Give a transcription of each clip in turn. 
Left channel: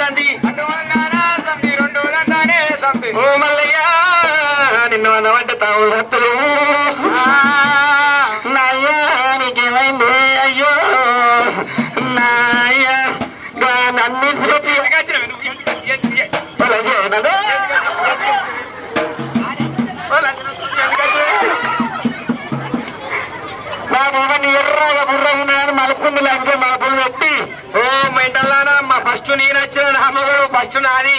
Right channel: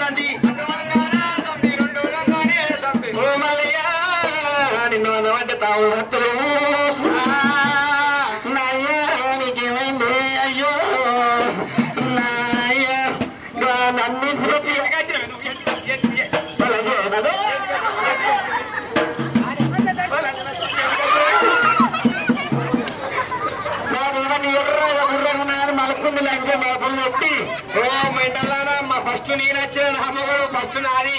తండ్రి ఓ మల్లయ్య నిన్ను అన్నవంటే తాము భక్తులు నాయ్యా నీకేమైంది అయ్యో నాయ్య నన్ను ఎర్రగా బుర్రగా మలుపుంది లేకపోతే మలుపులు పెట్టి ఓ మెంటల్లానా మా ఫస్ట్ నేను వచ్చిన అమ్మగారు ఫస్ట్ నాది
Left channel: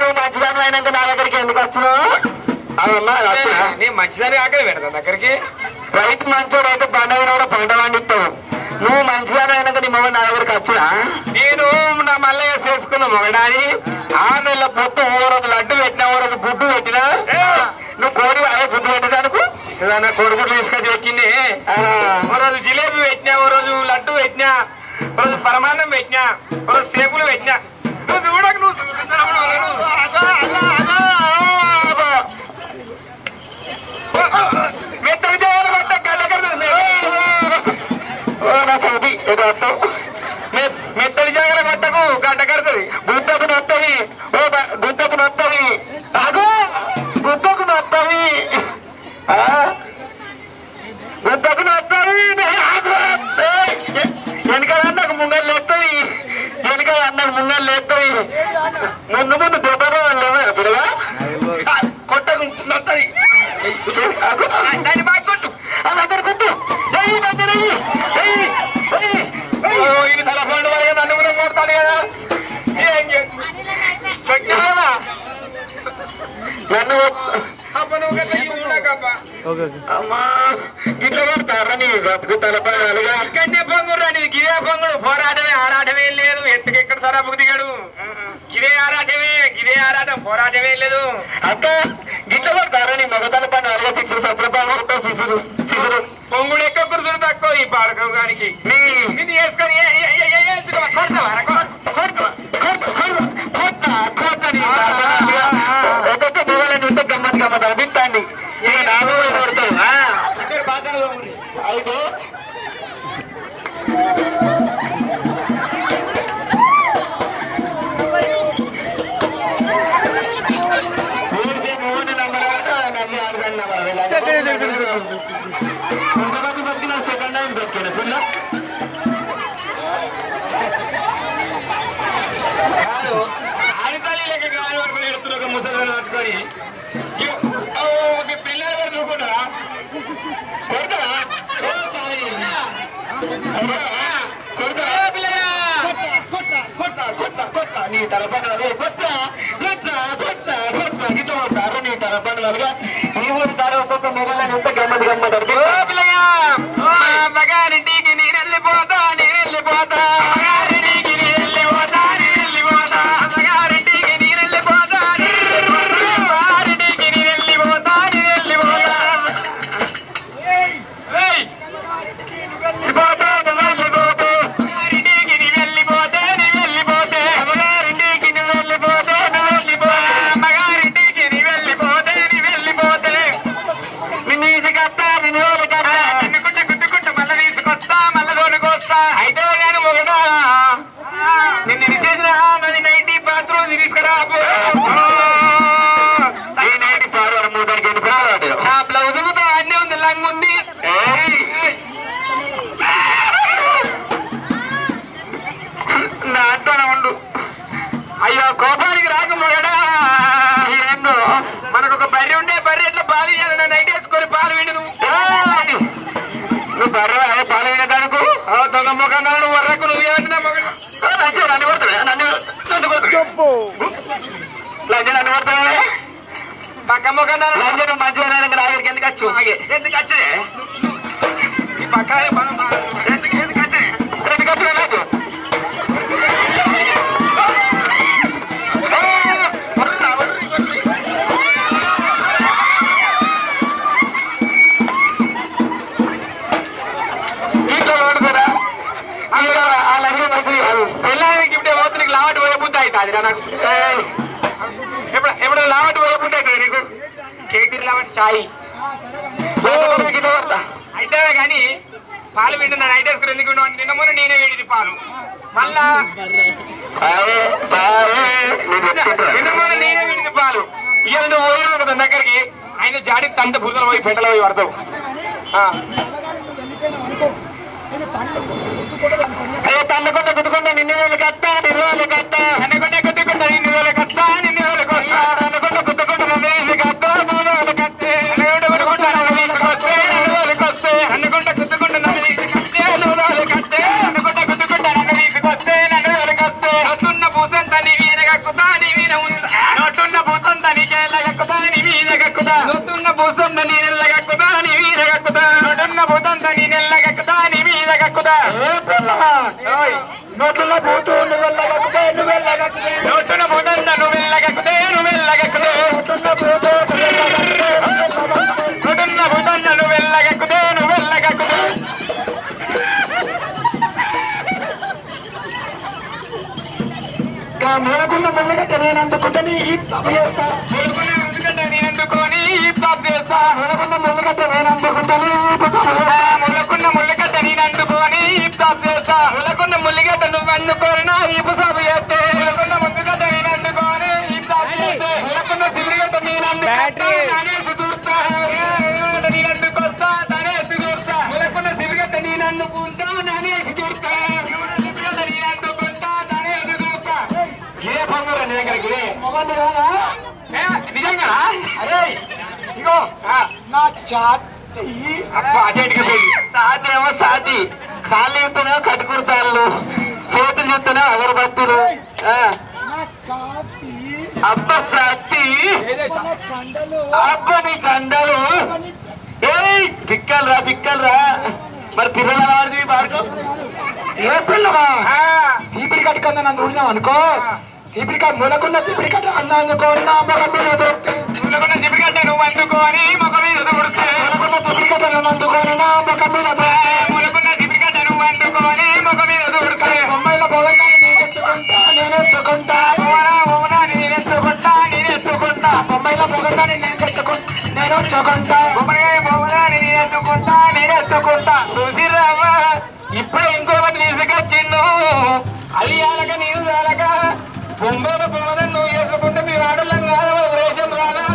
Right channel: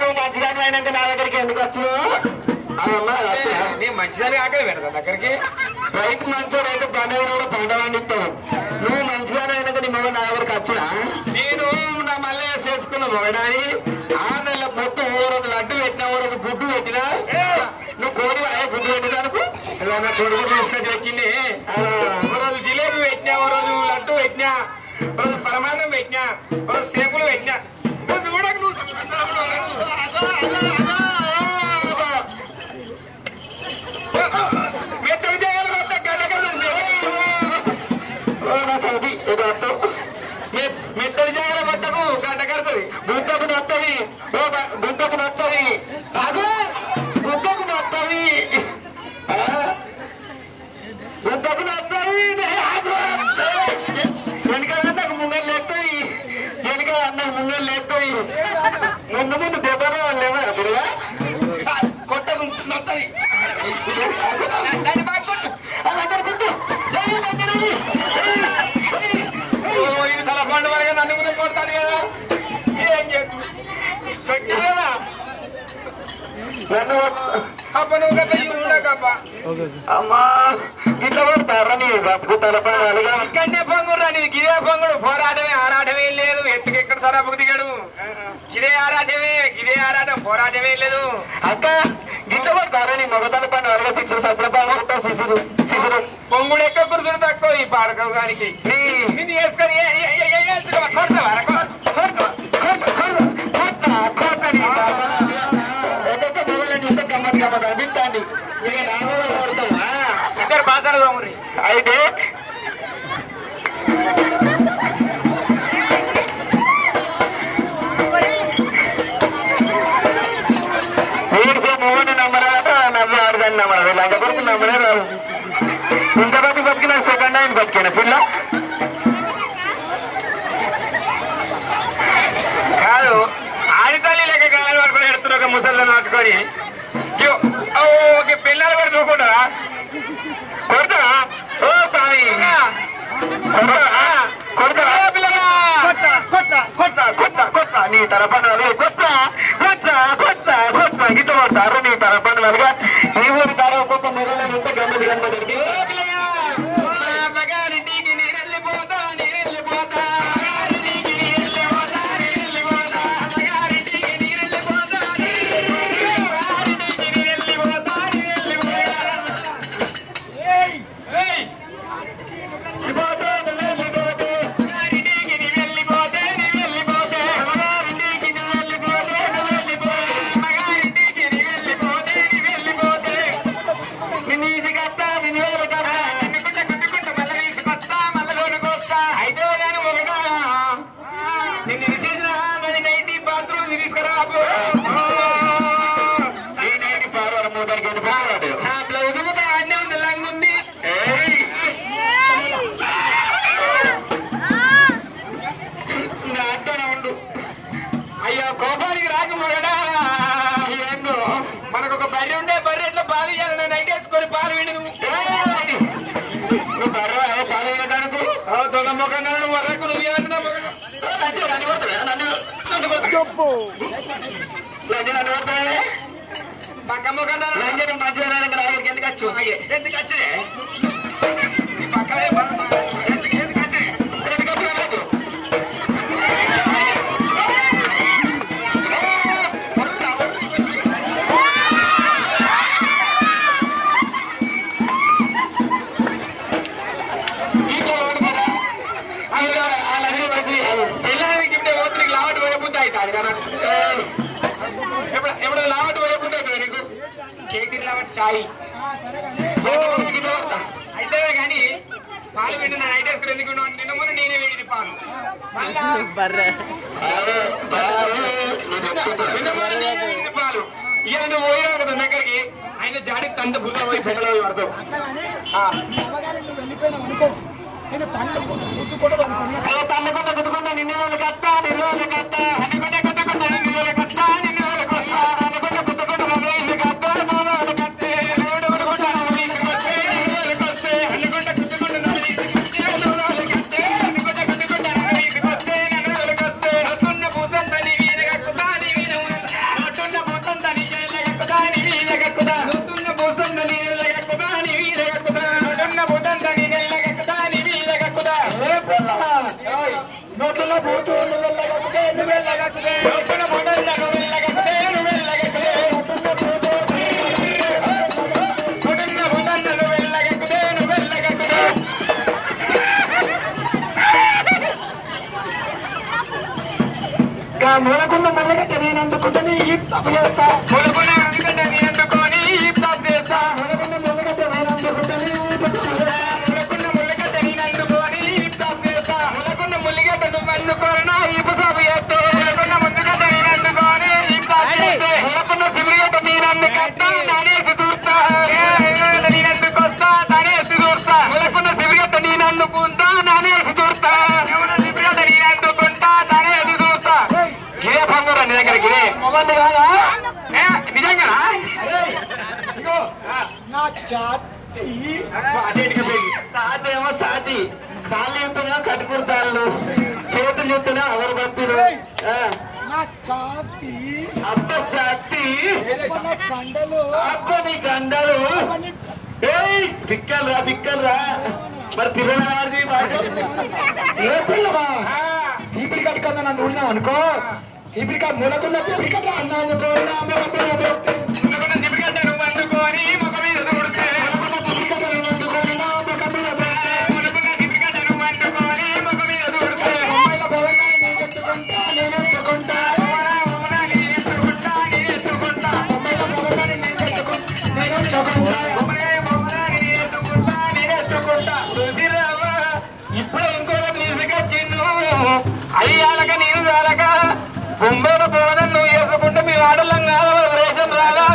నువ్వు మంచిదాన్ని అయినాక నా దగ్గరికి ఎందుకు వచ్చినావు అదమ్మా నీ మంచిదాన్ని ఆకలి పెడతా దగ్గరికి రైతు మంచోడు అయితే పండుగ కూడా పంట పండిస్తావు నువ్వు మంచిదాన్ని అయినాక నీ మొగడు నా దగ్గరికి వచ్చినా నేను నా మల్లయ్య చేసుకున్న మొగడాని 6 నెలల పొట్టు ఓ రోజు లడ్డు పెట్టినా ఓ రోజు గుడ్డు పెట్టినా నువ్వు కోడి గుడ్డు పెట్టడానికి ఇసదానా కోడిగుడ్డు తీసుకొచ్చి వచ్చింది ఓ రోజు జిలేబీ పెట్టినా ఓ రోజు లడ్డు పెట్టినా ఓ రోజు పరమాన్నం పెట్టినా ఓ రోజు సేపులు పెట్టినా నువ్వు చూడకు నువ్వు మెత్త విజయాలు మెత్తడి జాగర కొట్టకు గడ్డ కడుతుంది గుద్దకు నొత్తది గుద్దకు నొత్తది గుద్దకు నొత్తది గుద్దకు నొత్తది వెనకదన్నకు ముంగలు లేస్తుంది వెనకదన్నకు ముంగలు లేస్తుంది ముందు ముందు దెబ్బలు లేవా పిల్లగా కొట్టకు నొత్తది దాన్ని బాగా కొట్టు అది అక్కడ కొట్టు ఇది తలపండు వరకు నన్ను కూడా కొడతాడు కదా ఏం చేసి నన్ను అప్ప నువ్వు కదా ఉండకప్ప అమ్మా ఇట్లా కొడతారా నీ బతుకు తలపండు ఇక్కడనే పొంగురా నీ గిదే పొంగుడు పోరాటమే ఆరాటమే లేదు ఎత్తుకు ఎక్కడ సరాపుకు దిగాడు గిదే ఆరాటం పోరాటమే లేదు అక్క గిట్ల కొడతారా నీ మగ తలపండు అలాగే 6 సత్రపాలు శిశురు పొంగుడు ఎక్కువ కురుసుడు తక్కువ ఈ పాడకానికి నిన్ను వేసుకొని ఒక్కొక్క మొగలని ఉంటే గమ్మత్ అనిపిస్తాండి ఇక నాలుగు కొడతారు ఇద్దరు బాధలు అయితే మొగని నమ్మరాక నమ్మ ఆడదాన్ని నమ్మరాదు లేకపోతే నమ్మలే రాదు ఇంతమంది బతికిన సెకండ్ హ్యాండ్ బతికిన పిల్ల కాదు ఆడితల్లి లెక్క గాలి పట్టుకుని ఎడుతున్నా ముసలిని పట్టుకొని పిల్లలు కూడా చూకుంటారా కొడతారా ఓ స్వామి కొడతారా పిల్లగా కొట్ట నీ తరపన కొట్ట గిట్ట కొడతారు నీ తరపన వెళ్ళగా ఈ ఊరి తార ఒక్కొక్క నెలని ఉంటే గమ్మది పిల్లగా మగారింటికి నీరెళ్ళిపోతా నిన్ను విశేష నది 90 బాత్రూమ్ తీసుకురా పారు మూటకి వెళ్ళిపోయాడు నా బ్లౌజ్ కూడా అన్నీ ఉంది లంగ్ ఉంది నా అట్టనే ఉండు అయ్యో కోపానికి రాకపోయాడా ఏందో మనకు ఒక బర్రె ఉండే బర్రె ఎట్లా పాలు ఇవ్వాలి నైట్ వేసుకొని పాలు విండు నువ్వు బర్రె పాలు వినడానికి దొంగమ్మకన్నా నువ్వు వర్రకు నువ్వు నన్ను కొడతావా పక్కమ్మ కన్నా లంజను మంచిగా నాగరికి ఎందుకు వచ్చు ఎందుకు వచ్చే పక్క ఎందుకు వచ్చే నాకు పిల్లలకి ఇప్పుడు ఓతులకి లావటి పోయబుద్ది అవుతుంది ఎప్పుడు లావటి పోయబుద్ది అవుతుంది నీకు కేజీ లావటి సాయి అయితే కానీ పాలు వింటే నా నైట్ వేసుకుని ఎందుకు నిన్న మొన్న నేనే వేడిది పాలు మళ్ళా నిన్న మొన్న నేనే వేడిది పాలు ఇక నువ్వు పోయినావు కదా దగ్గరికి ఆయన జాడి తంత బుర్రలో పోయి పెట్టలో పోయి పడతావు తన్నకుండా గుద్దుకుంటా నిన్న వేలు కత్తా నిన్న వేలు కత్తా అన్నకుండా గుద్దుకుంటా నిన్న వేలు కత్తా నిన్న వేలు కొత్తా అన్నకుండా గుద్దుకుంటా నన్ను కత్తా మూడు వేలు కత్తే అనుకుంటా గుద్దుకుంటా నన్ను కత్తే మూడు వేలు కత్తే అనుకుంటా గుద్దుకుంటా నన్ను కత్తే నొట్టున్న పూసంత నీ మీద కక్కుతా నీ మీద నొట్టున్న పూసంత నీ మీద కక్కుతా నీ మీద కక్కుతా నొట్టున్న పూసంత నీ నెల్ల కక్కుతా నీ మీద కక్కుతా నొట్టున్న పూసంత నీ నెల్ల కక్కుతా నీ మీద కక్కుతా నోట్ల పోతూ నువ్వెళ్ళగక్కుతే నువ్వెళ్ళగక్కుతే నోట్ల పోతూ నువ్వెళ్ళగక్కుతే నువ్వెళ్ళగక్కుతే నోట్ల పోతూ నువ్వెళ్ళగక్కుతే నువ్వెళ్ళగక్కుతే మూలకున్న ముళ్ళగట్ట నేను అందుకుంటాను ఈ తప్పు చేస్తా మూలకున్న ఎందుకంటే నేను అందుకొని ఈ తప్పు చేస్తా మూలకున్న ముళ్ళగట్ట నేను అందుకుంటాను మూలకున్న ముళ్ళగట్ట నేను అందుకొని ఈ తప్పు చేస్తా మూలకున్న ముళ్ళగట్ట నువ్వు అందుకోనా ఈ పుసాబు చేస్తే మూలకున్న ముళ్ళగట్ట నేను అందుకొని ఈ తప్పు చేస్తే మూలకున్న సిబిరిగట్ట నేను అందుకొస్తా నానేసి దూర్తా నేను అందుకొస్తా నానేసి దూర్తా మూలకున్న సిబిరిగట్ట నేను అందుకుంటా నానేసి దూర్తా సిబిరిగట్ట నేను అందుకుంటా నానేసి దూర్తా గిరే పంగురా నీ దగ్గరికి నిజంగా ఇగో నా జాతి సాధ్యమో సాధి కాళ్ళు చెప్తేనేమో కట్టుకుడతాళ్ళు చేతులు చెప్తేనే అగరబత్తులు అబ్బ సాతి అబ్బ నీ కండలు ఏ పిక్కలు రా మరి పిల్లల వాడిది ఏ పిల్లవా చీపిరి కట్టుకుందా నన్ను ఊళ్ళాం అనుకో చీపిరి కట్ట మూలకున్న చీపిరి కట్ట అన్న అందుకోన్నా మొగం మీద మూలకున్న చీపిరి కట్ట నువ్వు అందుకోని మొగం మీద దొరుకుతే మూలకున్న చీపిరి కట్ట నువ్వు అందుకోని నా మొగం మీద మూలకున్న చీపిరి కట్ట నువ్వు అందుకోని మొగం మీద దొరుకుతే అమ్మాయిల భోగంగా నేనెచ్చుకుంటా అమ్మాయిల భోగంగా నేనెచ్చుకుంటా చూసిరావా ఇప్పుడు ఇంకొకటి తీసుకొచ్చిండు అది చాలక నేను చాలక బొంబాయిలో పోవదని నువ్వు చేసుకుంటే మీ ఆడలం కాదు రేషన్ రాగా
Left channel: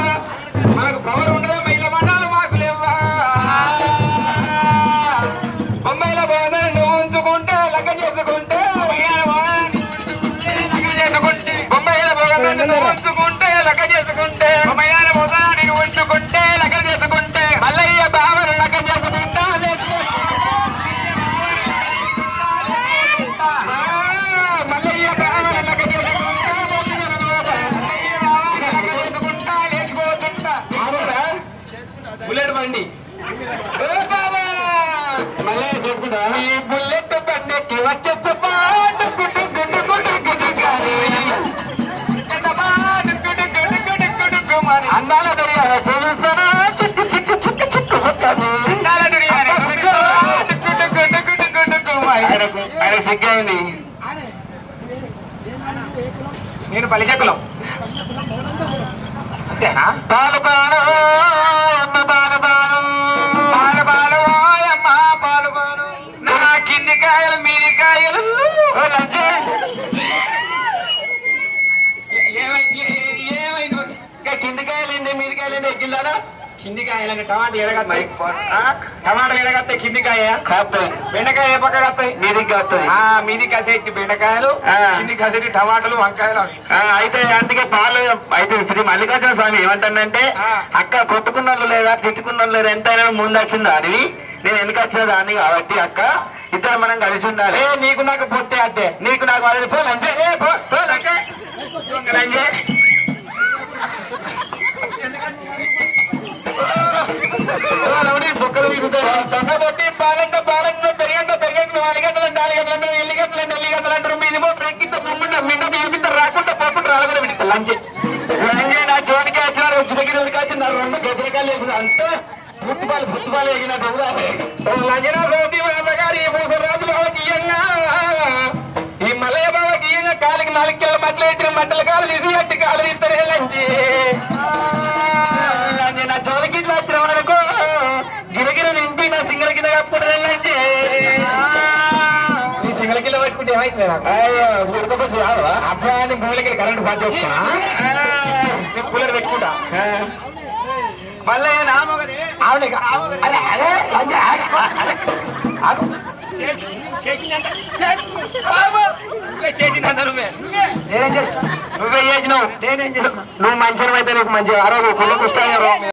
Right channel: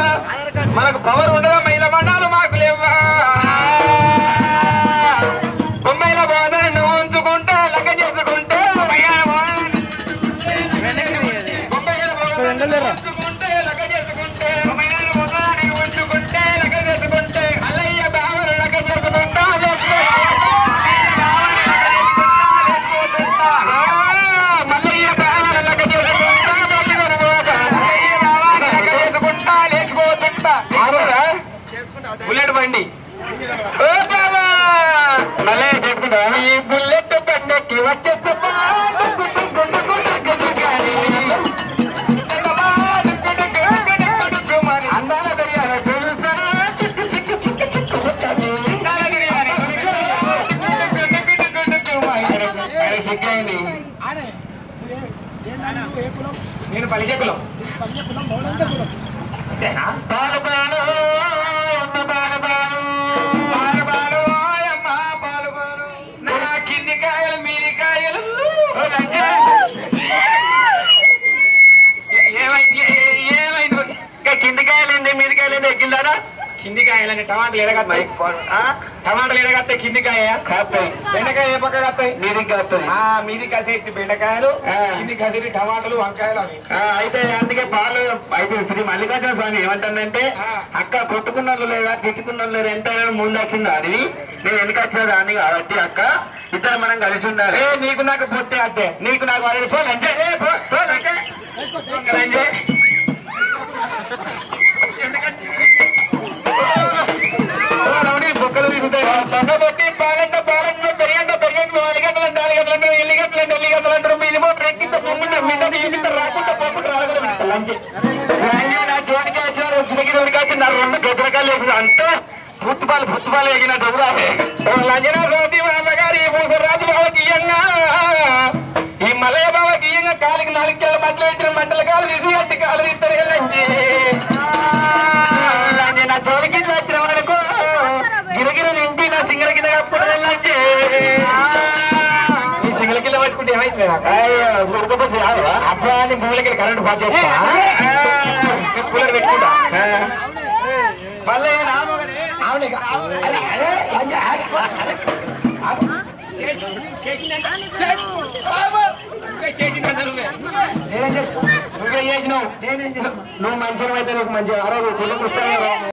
మనకు పవర్ ఉండదా మహిళ మండాలు మాకు లేవా బొంబాయిలో పోవదని నువ్వు ఉంచుకుంటే లెక్క చేసుకుంటే బొంబాయిలో పోవదని ఉంచుకుంటే లెక్క చేసుకుంటే బొంబాయిలో పోవదని ఉంచుకుంటే లెక్క చేసుకుంటే అల్లయ్య బావలు లెక్క చేసుకుంటా బుల్లెట్ బండి మళ్ళీ చేసుకుంటా ఈ బుల్లెట్ బండికి వచ్చేస్తే అందాల దొరికారు చూస్తానా చిక్కు చిక్కు చిక్కు చిక్కు ఆయన సిగ్గైంది నేను పలిచెక్కులం అంతేనా పాలు పాలు అమ్మ పాలు పాలు పాలు అమ్మ పాలు పాలు నా కింది కాయలు మీది కాయలు ఏమైంది కింది కాయలేంది మీది కాయలేంది ఎక్కిందారా కింది కాయలని టమాటాలు ఎడగత్తాయి టమాటాలు ఎడగత్తాయి కింది కాయ కాస్తాయి బెండకాయ ఏ పక్క కాస్తాయి మీదికి కాస్తాయి మీది కాసేటి బెండకాయలు కింది కాసేటి టమాటాలు వంకాయలు అవి అయితే అందుకే పాలు అయితే శ్రీ మల్లికార్జున స్వామి ఏమంటానంటే అక్క కొట్టుకున్న లేదా తిట్టుకున్న లేదా ఎంతైనా ముందు వచ్చింది అడివి నేను ఎందుకు వచ్చిన దాన్ని కాబట్టి అక్క ఇద్దరు మనం కలిసి ఉండాలి నీకు నాకు పొత్తే అంటే నీకు నాకు వాళ్ళని పోలంటే బొక్కలు తిరుగుతాయి తొంగబొట్టి పాలంట పెరిగంట 4 గంటలంటే 4 గంటలంటే 8 గంటలంటే 8 గంటలంటారు మీరేమో బ్రేక్కింత ముమ్ముండ మింట నీకింత రాకుండా పోకుండా రాలకుండా పెడతా లంచే నా జోలికి వచ్చినారు దగ్గర వచ్చి నా 2 గజలకాయలు వేసిన అంటే పుత్తుపాలు ఎగినట్టు లంజనా సోతి బాబగారు ఈ పూసరాజు బాబకి ఇయ్యంగా ఈ మలయ బాబకి ఇయ్యంగా కాలికి 4 కిలోల మధ్యలో పెట్టిన మంటల కాలు తీసి అట్టి కాలు తీస్తారు లంచి నా జోలికి వచ్చిన వరకు గిరగిర నింపి నా సింగల కింద కప్పుకుంటారు లంచి అయితే అప్పుడు నీ భూమికి కరెంట్ పాస్ చేసుకున్నా కూలర్ పెట్టుకుంటా మళ్ళీ నువ్వే చేసినావు నువ్వు మంచిగా అయితే నీకు మంచిగా ఆరోగ్య కుళ్ళు కృష్ణ